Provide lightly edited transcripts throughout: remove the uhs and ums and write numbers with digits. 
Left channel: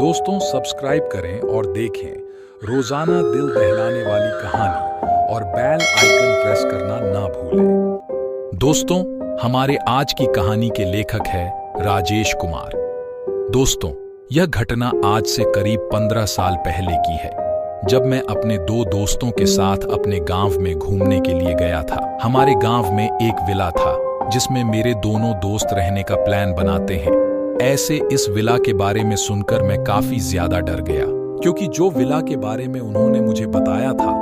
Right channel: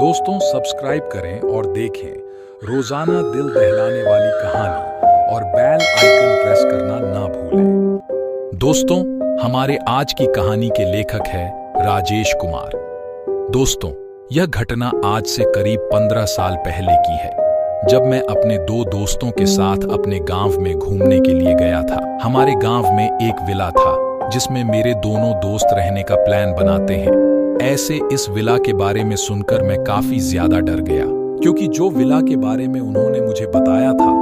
दोस्तों सब्सक्राइब करें और देखें रोजाना दिल दहलाने वाली कहानी और बेल आइकन प्रेस करना ना भूलें। दोस्तों हमारे आज की कहानी के लेखक है राजेश कुमार। दोस्तों यह घटना आज से करीब 15 साल पहले की है, जब मैं अपने दो दोस्तों के साथ अपने गांव में घूमने के लिए गया था। हमारे गांव में एक विला था जिसमें मेरे दोनों दोस्त रहने का प्लान बनाते हैं। ऐसे इस विला के बारे में सुनकर मैं काफी ज्यादा डर गया, क्योंकि जो विला के बारे में उन्होंने मुझे बताया था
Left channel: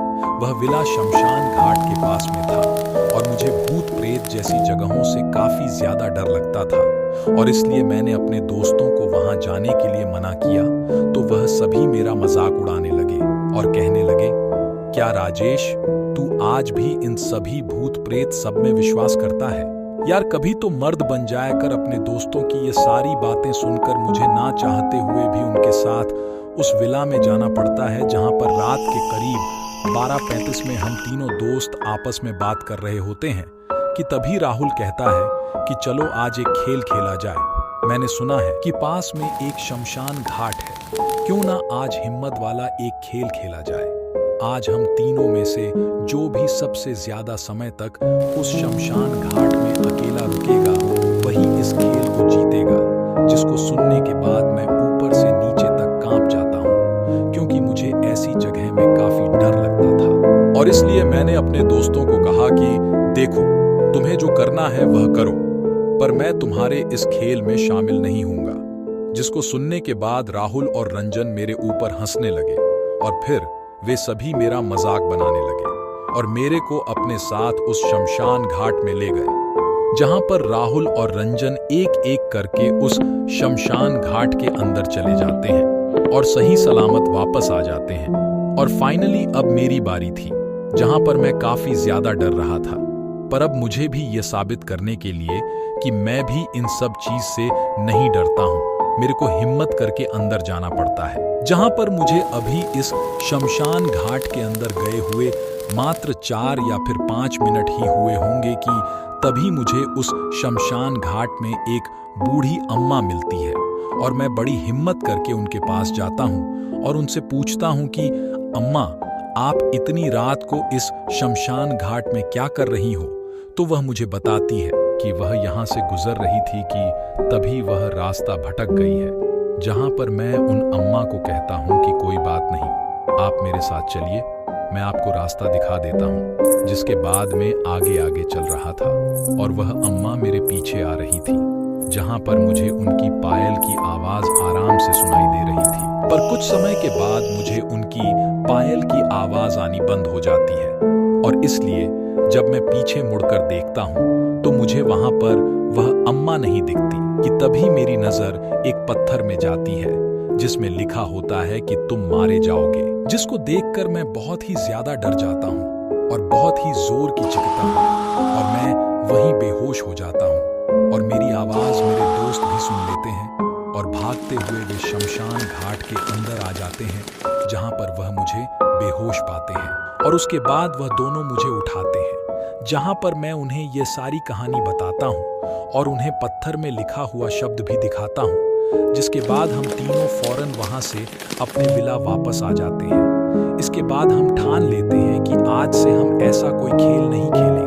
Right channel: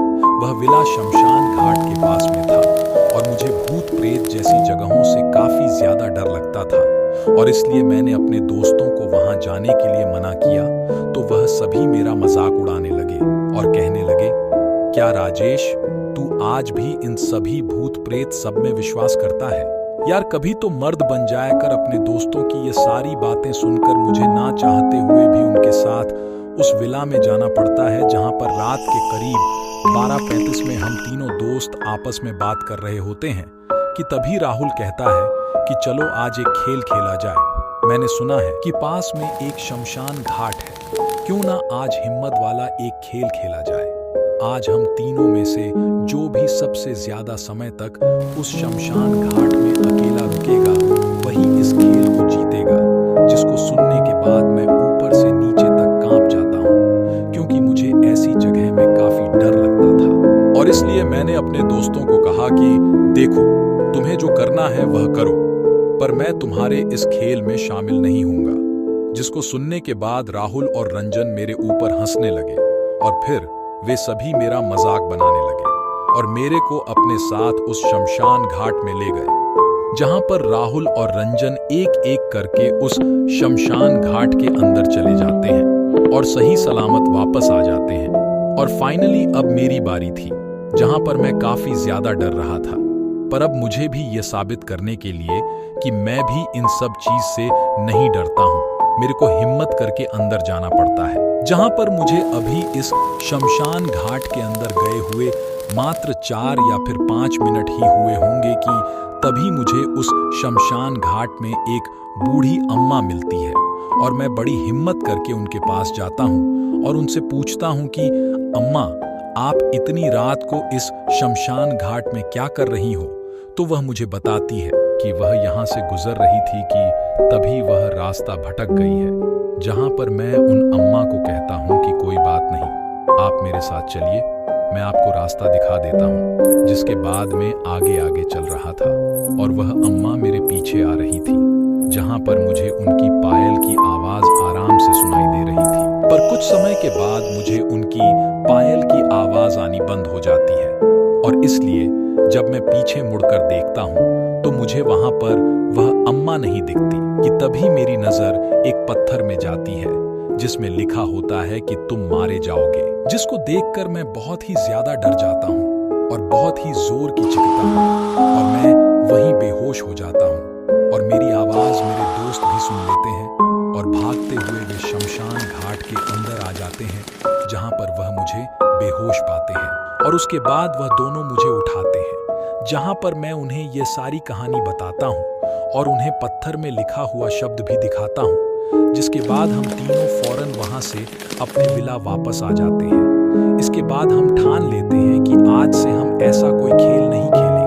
वह विला शमशान घाट के पास में था और मुझे भूत प्रेत जैसी जगहों से काफी ज्यादा डर लगता था। और इसलिए मैंने अपने दोस्तों को वहां जाने के लिए मना किया तो वह सभी मेरा मजाक उड़ाने लगे और कहने लगे, क्या राजेश तू आज भी इन सभी भूत प्रेत सब में विश्वास करता है? यार कभी तो मर्द बन जाया कर। अपने दोस्तों की ये सारी बातें सुनकर मुझे ना चाहते हुए भी उनके साथ उस विला में जाना पड़ता है, जहां पर रात के करीब 12:35 में हम तीनों दोस्त आपस में बात कर रहे होते हैं कि तभी राहुल कहता है कि चलो आज एक खेल खेला जाए। मैंने सुना है कि पास में एक शमशान घाट है, क्यों ना आज हिम्मत वाला एक खेल खेला जाए। आज हम तीनों में से जो भी सबसे ज्यादा समय तक उस शमशान घाट में अकेला रुकेगा वही इस खेल को जीतेगा, जिसको सुनने के बाद मैं ऊपर से नीचे तक कांप जाता हूँ, क्योंकि मुझे ऐसी जगह में काफी डर लगता था। और इसलिए मैंने अपने दोस्तों को कहा कि देखो, तुम्हें जो करना है वह करो, पर मैं तुम्हारे इस खेल में शामिल नहीं होऊंगा। जिसको सुनने के बाद राहुल और रंजन मेरे ऊपर हंसने लगे और फिर वे सभी मेरा मजाक बनाने लगे और मेरे को अपने साथ उस शमशान घाट में ले गए, जहां पर राहुल और रंजन एक एक करके उस शमशान घाट के अंदर चले जाते हैं और सही सलामत वापस आ जाते हैं। और फाइनली अब मेरी बारी थी, जहां पर मैं काफी ज्यादा डर रहा था, पर अब मुझे भी यह साबित करने के लिए कि मैं भी इन सब चीज से नहीं डरता हूं, मेरे को हिम्मत करके अंदर जाना पड़ता है। जहां पर मुझे अभी इस शमशान घाट के अंदर गए हुए मात्र 4 या फिर 5 मिनट ही हुए होंगे कि तभी मुझे उस शमशान घाट में एक बूढ़ी अम्मा मिलती है और मैं बड़ी हिम्मत करके उनके पास जाता हूं और उनसे पूछता हूं कि अम्मा, आप इतनी रात को इस शमशान घाट में क्या कर रही हो? तो वह मुझे बताती है कि वह यहाँ से गुजर रही थी कि तभी वह रास्ता भटक गई है। जहाँ पर मैं उन अम्मा को कहता हूँ कि कोई बात नहीं, आप मेरे साथ चलिए, मैं आपको रास्ता दिखा देता हूँ। जिसके बाद में आगे आगे चल रहा था और वह अम्मा मेरे पीछे आ रही थी, जहाँ पर मुझे उनकी पायल की आवाज आराम से सुनाई दे रही थी। पर कुछ समय के बाद मुझे उनकी पायल की आवाज आनी बंद हो जाती है और इसलिए जब मैं पीछे मुड़कर देखता हूँ तो मुझे वहां पर वह अम्मा नहीं दिखती कि तभी मेरी नजर एक पत्थर में जाती है जिसमें लिखा होता है कि तुम मारे जाओगे। जिसको देखकर मैं बहुत ही ज्यादा डर जाता हूँ और बहुत ही जोर की चीखता हूँ और मैं वहीं बेहोश हो जाता हूँ और मेरी आवाज मेरे दोस्त भी सुन लेते हैं और भागते हुए वे शमशान घाट के अंदर आ जाते हैं, जहां पर वह मुझे बेहोश पाते हैं और उसके बाद वह दोनों मुझे उठाते हैं, जहां पर मैं उन्हें ये सारी कहानी बताता हूं और उन्हें पत्थर में लिखा हुआ शब्द भी दिखाता हूं। जिसके बाद हम तीनों फौरन वहां से अपने विला वापस आ जाते हैं। इसके बाद हम ठान लेते हैं कि आज से हम ऐसा कोई खेल नहीं खेलेंगे।